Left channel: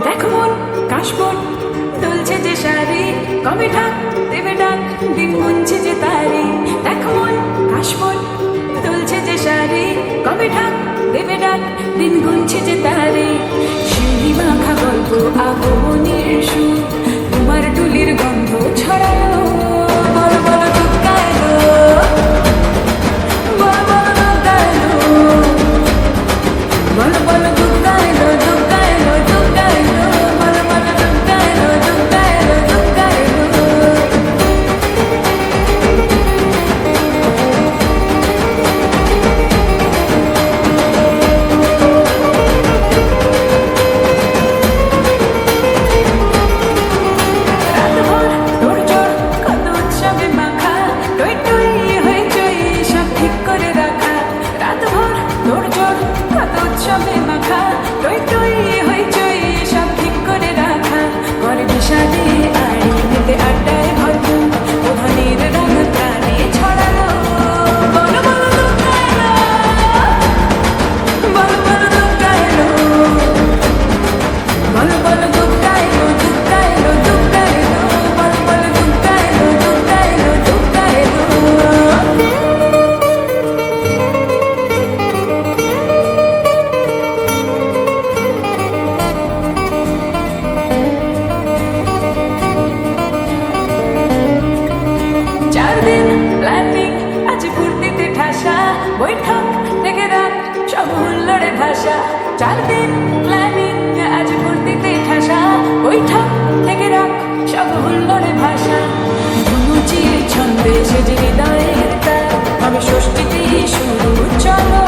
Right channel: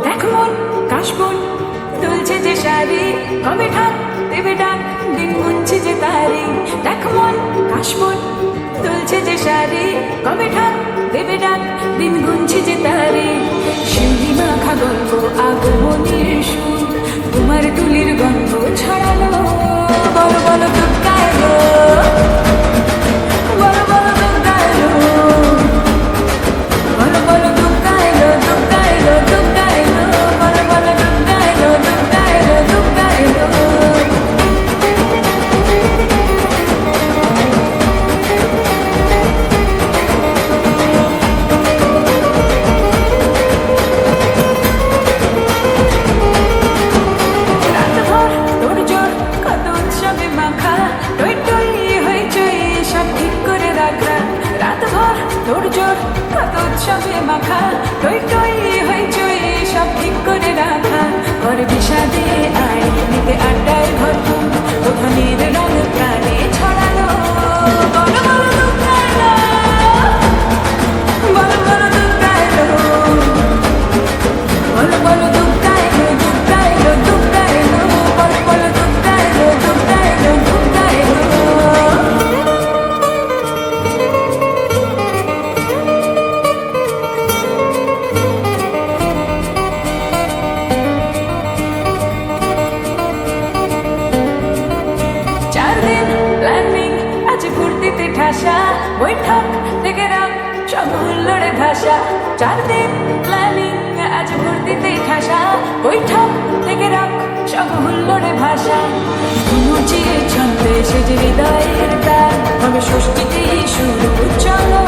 দেখ মন কাশবন দুলছে যে শাড়ি, কবে ঢাক দেবে ডাক, দিন গুনছে যে তারি। দেখ মন কাশবন দুলছে যে শাড়ি, কবে ঢাক দেবে ডাক, দিন গুনছে যে তারি। শিউলি মাখা গল্প আগমনীর সুর, তোমার টুলির গন্ধ ছড়ালো। বলো বলো দুগ্গা এলো, বলো বলো দুগ্গা এলো, বলো বলো দুগ্গা এলো, দুগ্গা এলো, দুগ্গা এলো, বলো বলো দুগ্গা এলো, দুগ্গা এলো, দুগ্গা এলো। রাতভর তোড়জোড় কত উৎসবে মাখা, টই টই হইচই সব ঠিক করে রাখা। রাতভর তোড়জোড় কত উৎসবে মাখা, টই টই হইচই সব ঠিক করে রাখা। করে বিষাদে আড়ি মেতে আড্ডায় ভরপুর, প্রধানের রং প্রাণে ছড়ালো। বলো বলো দুগ্গা এলো, বলো বলো দুগ্গা এলো, বলো বলো দুগ্গা এলো, দুগ্গা এলো, দুগ্গা এলো, বলো বলো দুগ্গা এলো, দুগ্গা এলো, দুগ্গা এলো। চার দিন প্ল্যানিং আজ ফুর্তিতে ঠাসা, বৈঠক থেকে রাখ সব হুল্লোড়ে ভাষা। চার দিন প্ল্যানিং আজ ফুর্তিতে ঠাসা, বৈঠক থেকে রাখ সব হুল্লোড়ে ভাষা। ধুনুচির ছন্দে সেজে হৃদয়ের তার, হবে ষষ্ঠীতে শুরু চলো।